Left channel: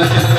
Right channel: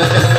Thank you.